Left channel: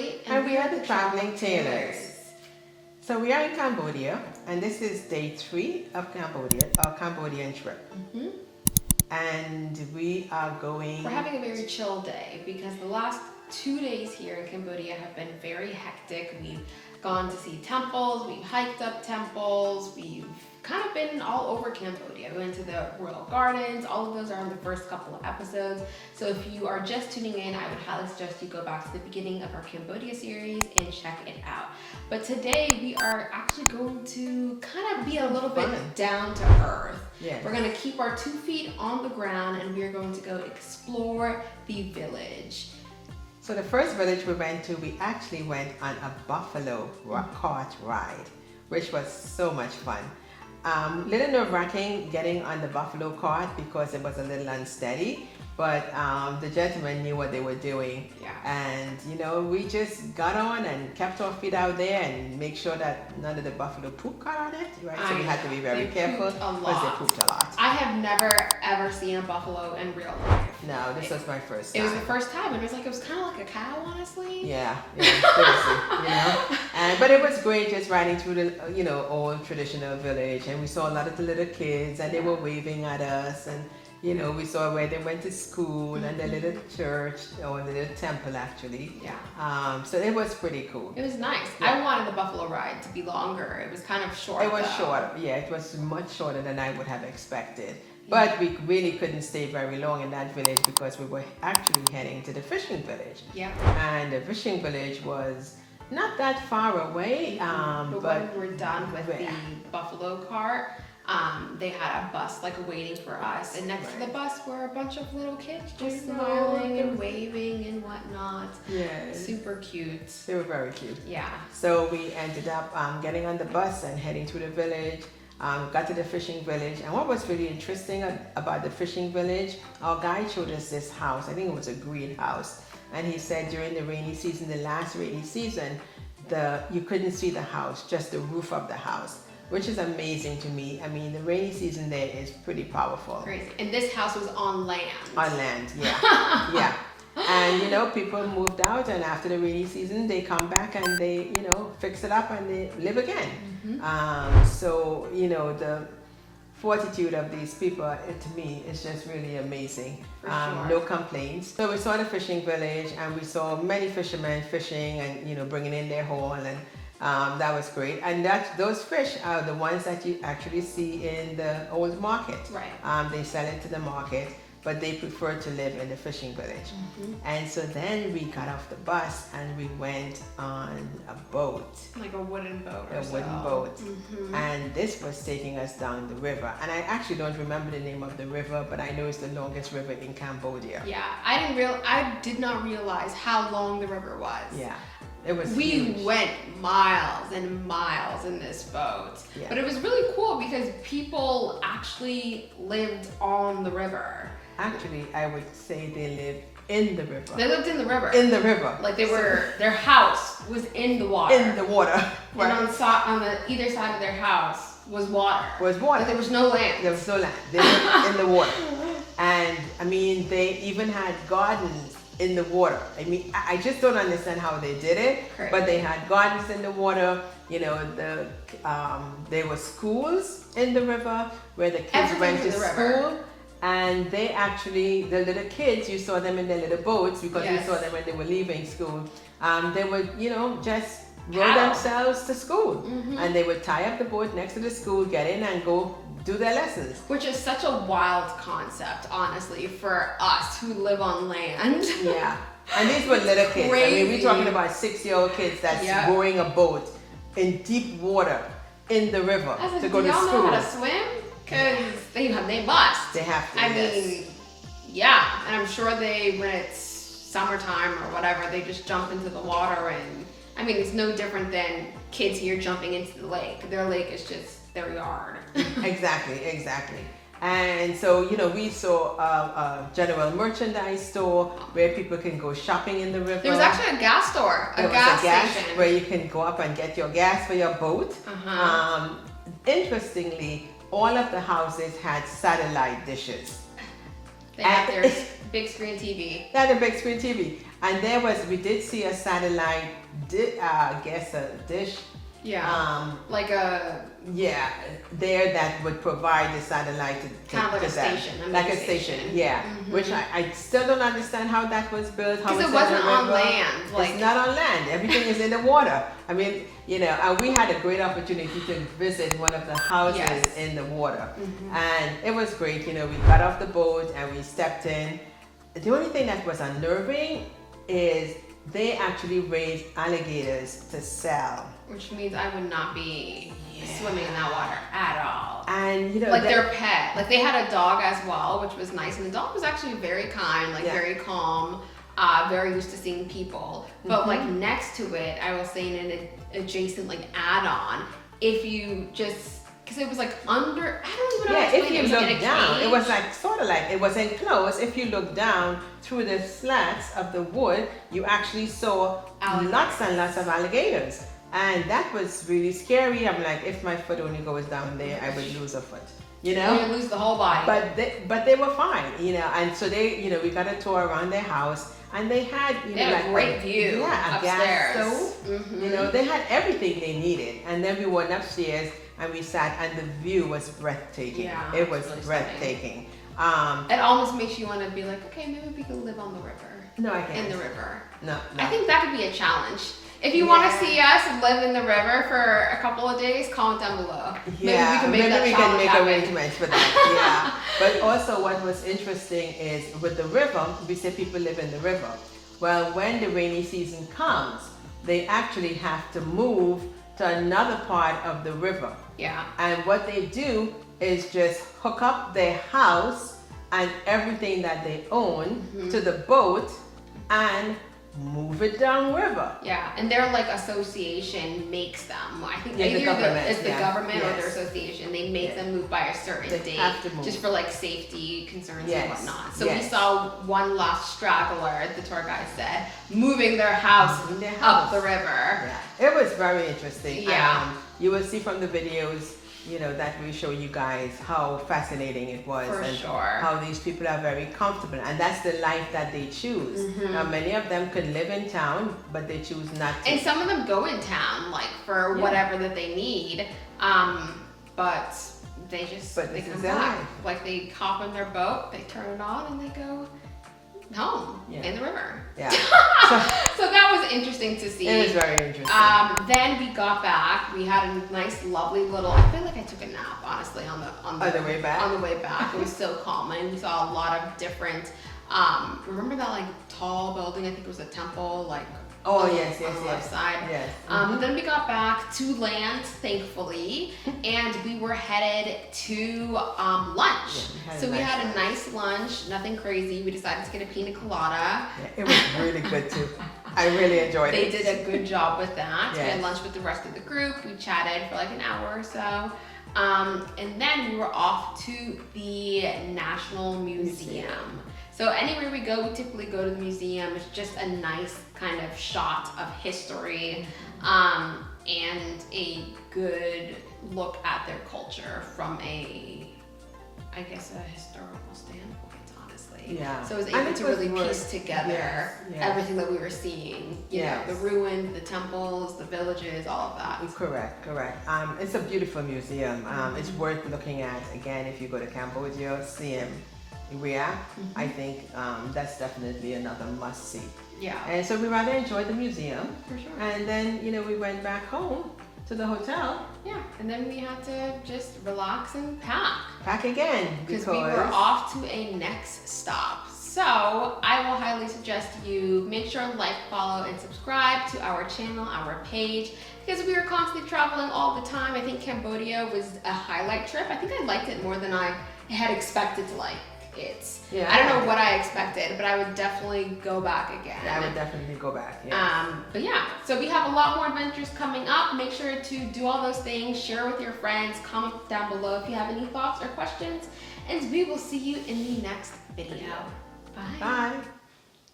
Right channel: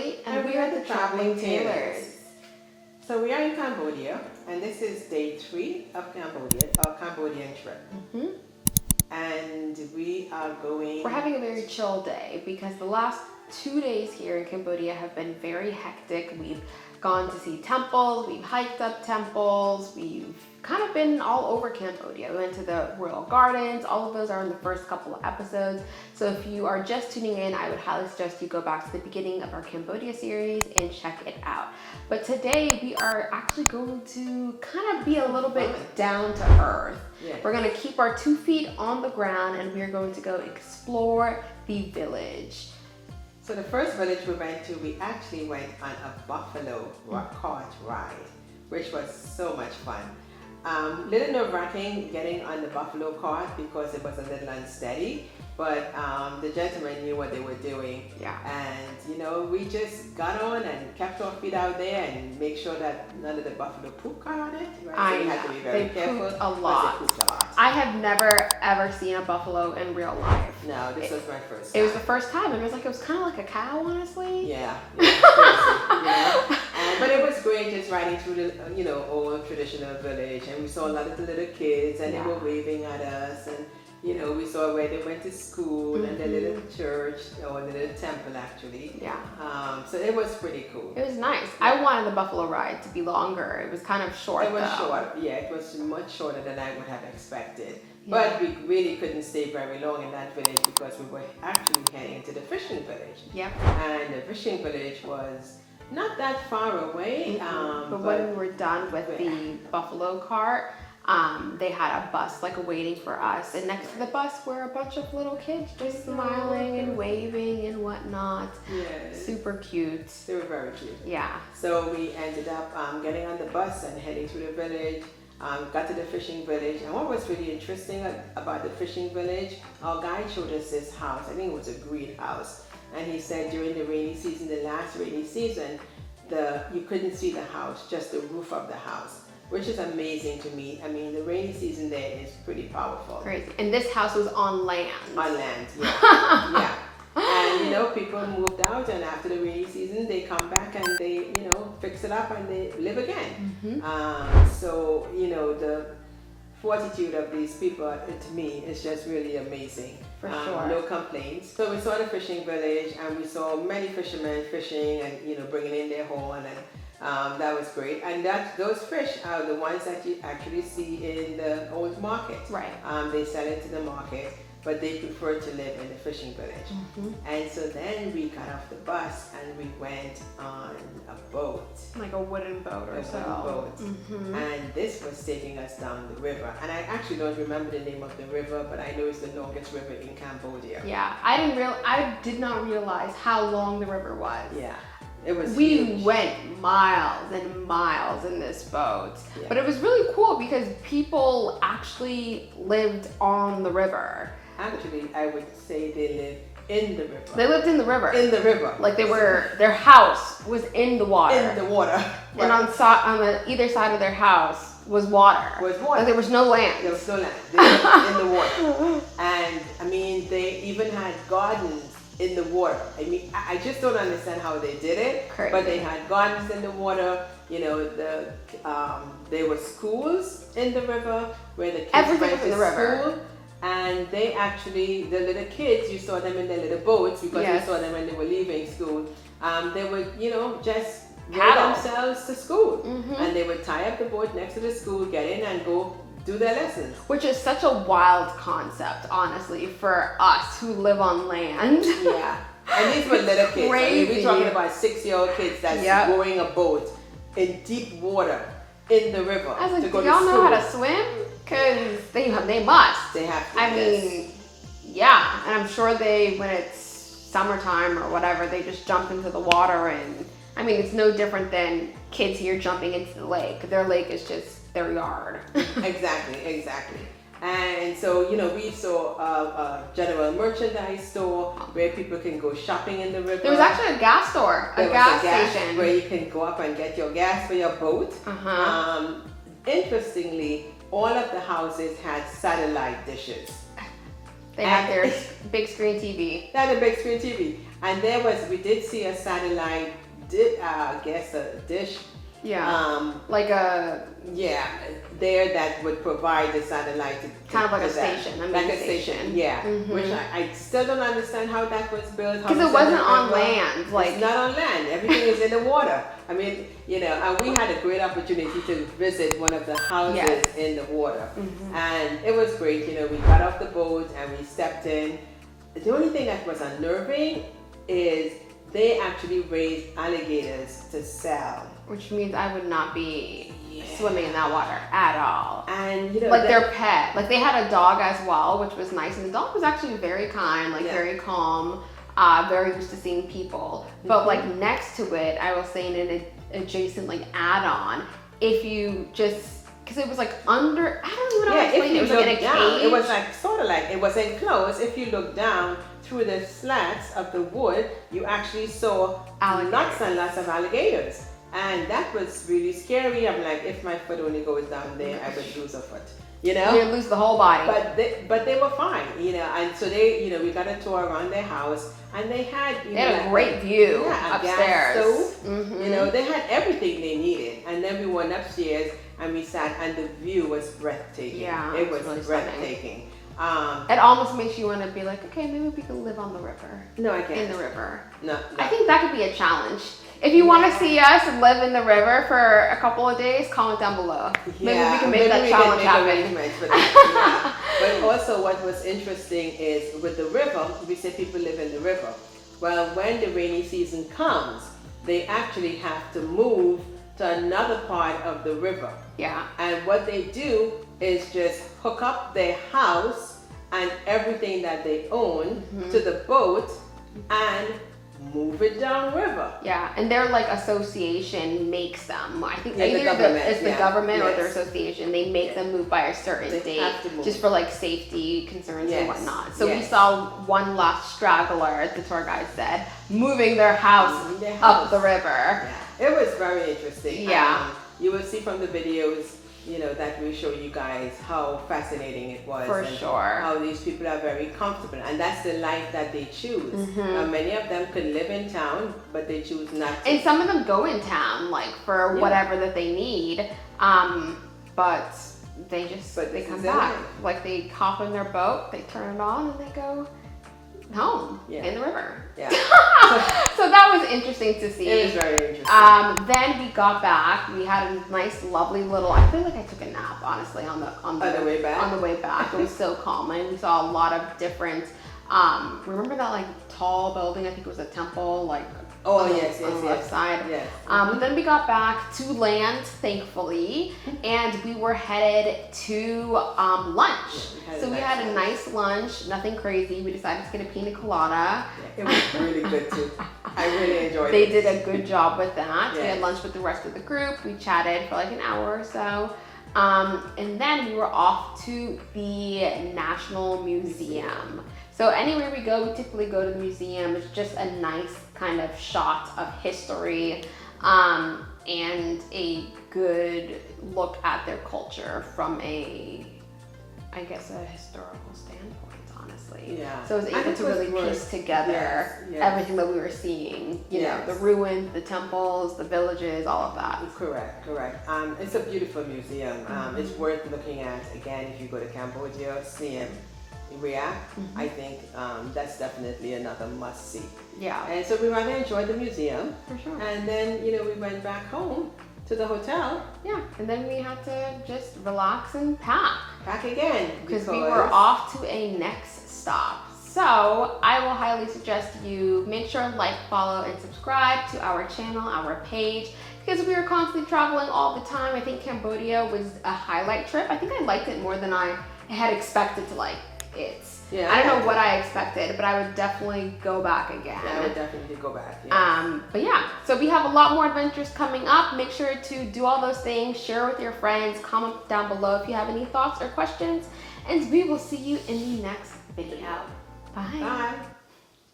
Ashley, And we are the Traveling Tailors. So we are in Cambodia, and this is day 3 of Cambodia, our Cambodian trip. And we are going... We're having a very chill day because the last 2 days here in Cambodia have been very hectic. We've gone to see temples, we've hiked up temples, we've kind of been all over Cambodia. We went to the royal gardens. All of those are in the first couple of episodes. So if you are just tuning in, I would highly suggest you go back to the beginning of our Cambodia series and check it out. But today we are actually going to kind of be a little bit down to earth. Yes. We're going to keep our 2 feet on the ground and we are going to go explore the village. So the first village we went to, we actually went on a buffalo cart ride, which was so much fun. Little nerve-wracking getting on the buffalo cart because it was a little unsteady, but the gentlemen knew what they were doing. Yeah. And you know, we just got on and kept our feet out there and make sure that none of the buffalo poop got on it. Right? So we had to be very careful because they pooped a lot. I have never ever seen a buffalo in real life. No, this was my first time. It was the first time, and it was kind of like a cow, honestly. Yeah, seriously, you know. But it was great just riding through the, old traditional village, and we saw a lot of the little kids, and they were waving at us, and we saw where they went to school and their little church or the little temple actually. Yeah. So it was pretty cool. It was nice. Yeah. I wanted the buffalo ride to be longer. It was kind of short. It was short. Yeah, it was much shorter than I would have expected. But we really couldn't stay very long in that village because we were actually heading to the fishing village. Yeah. And the fishing village was not that far away. But when we were done with the buffalo cart, they had a bus waiting for us. And next to the bus were a bunch of little kids just smiling and waving and whatnot. Yeah. Super cute. They were very cute. Yeah. So we ended up getting on the bus and heading through the village. Got to the fishing village, and what was really interesting about the fishing village, our guide showed us this house. I think it was a greenhouse, and he said during the rainy season, the last rainy season, you couldn't see the house, just the roof of the house, which is amazing to me. I mean, the rainy season there is pretty powerful. Crazy. And this house was on land. On land, yeah. Yeah. And people moved out, and after the rainy season they come back and they fix it up and they live again. So the fortitude of these people, to me, is just really amazing. For sure. No complaints. So we saw the fishing village, and we saw many fishermen fishing and bringing in their haul, and that was great. And those fish are the ones that you actually see in the old market. Right. They sell it to the market, but they prefer to live in the fishing village. And so then we got off the bus and we went on a boat. Like a wooden boat or so. A wooden boat. And this was taking us down the river. And I actually don't remember the name of the river, but I know it's the longest river in Cambodia. Yeah, I did not realize how long the river was. Yeah. It was we huge. went miles and miles in this boat. Yeah. But it was really cool because people actually lived on the river. Actually, I would say they lived in the river. They lived in the river. In the river. Like their house was in the water. In the water. And on either side of their house was water. Like there was no land. There was no land. They lived in the water. And I mean, they even had gardens in the water. I mean, I just don't understand how they did it. Correct. But they had gardens in the water. There were schools in the river where the kids went to school. And they actually, the little kids, you saw them in their little boats because you saw them when they were leaving school. They would, just row themselves to school. And they would tie up the boat next to the school, get in and go do their lessons. Which is such a wild concept, honestly, for us who live on land. Yeah. And these were little kids. Crazy. I mean, we're talking about 6-year-old kids that's rowing a boat in deep water in the river to go to school. Do y'all know how to swim? Because they must. They have to. I mean, yeah. And I'm sure when it's summertime or whatever, they just jump into the water. And I mean, it's no different than kids here jumping into the lake. Their lake is just their yard. Exactly. And so, we saw a general merchandise store where people can go shopping in the river. There was actually a gas store, a gas station. Where you can go up and get your gas for your boat. Interestingly, all of the houses had satellite dishes. They had their big screen TV. They had a big screen TV. And we did see a satellite, a dish. Yeah. Like a. Yeah, there that would provide the satellite to kind of like a that. station. Like a station, yeah. Which I still don't understand how that was built. Because it wasn't on land. Like, it's not on land. Everything is in the water. I mean, and we had a great opportunity to visit one of the houses in the water. And it was great. We got off the boat and we stepped in. The only thing that was unnerving is they actually raised alligators to sell. Which means I would not be swimming in that water at all. And like their pet. Like they had a dog as well, which was nice. And the dog was actually very kind, like very calm, very used to seeing people. But like next to it, I will say in an adjacent like add-on, if you just, because it was like under, I don't even know how to explain it. It was like in a down, cage. it was like sort of like, it was enclosed. If you look down through the slats of the wood, you actually saw lots and lots of alligators. And that was really scary. I'm like, if my foot only goes down there, I would lose a foot. You'd lose the whole body. But they were fine, and so they, we got a tour around their house, and they had, they had a great view upstairs. Gas stove. They had everything they needed. And then we went upstairs and we sat, and the view was breathtaking. Yeah, it was really breathtaking. It almost makes you want to be like, okay, maybe we can live on the river. No, I can't. In the river. No. I think that could be a challenge. If you want to see us live in the river for a couple of days, comment down below. Maybe we can make that challenge happen. Arrangements for that. But also what was interesting is with the river, we say people live in the river. Well, when the rainy season comes, they actually have to move to another part of the river. Yeah. And what they do is just hook up their house and everything that they own to the boat and move it downriver. Yeah, and their like association makes them. I think the government. It's the government or their association. They make them move by a certain date, just for like safety concerns and whatnot. So we saw one last straggler, the tour guide said, moving their house up the river. Yeah. It was very interesting. Yeah, you will see from the videos, that we show you guys how fascinating it was. For sure. How these people are very comfortable, and that's the life that they choose. Many of them could live in town, but they choose not to. And some of them go in town, like for whatever that they need, but they just, they come back. Like they hop in their boat, they turn it on, and they go home in the river. Yeah. So that was interesting to see. It was very interesting. Then we got back. We had a nice, lovely little. I feel like I took a nap, honestly, on the way back. On the way back, it was so calm, and we saw a lot of different. Remember that like tall building? I think it was a temple, like. Oh yes, on the left side. Yes. But then we got back to land, thankfully, and we were headed to lunch. So we had a nice lunch, nothing crazy. We decided to get a pina colada. Yeah, it was really good too. I really enjoyed it. They did a good job with that. We had lunch with the rest of the group. We chatted for like an hour or so. And then we were off to the National Museum. So anywhere we go, we typically go to the museum. It's just a nice kind of shot of history and a good look at their culture from a historical standpoint, honestly. Yeah. So I was able to really piece together everything that we were seeing. You know, the ruins, the temples, the villages, all of that. Correct. It's a beautiful museum. It's worth looking at. Again, if you go to Cambodia, seeing I think that's definitely another must-see. Yeah. And so we rather enjoyed the museum. For sure. And then, we went back home to the hotel. Yeah, and then we had to just relax and pack. Pack again. Because we were off to a next stop. So I will highly suggest you make sure to like, follow, and subscribe to our channel, our page, because we were constantly traveling all the time. I think Cambodia was a highlight trip. I think I liked it more than I had expected to like. I don't know what I expected, but I would definitely go back again. Yeah, I would definitely go back. But yeah, so we have a lot more adventures coming up. Make sure to do all those things, share with your friends, comment down below if you have any thoughts or questions, and we will see you in the next video. Bye. Bye.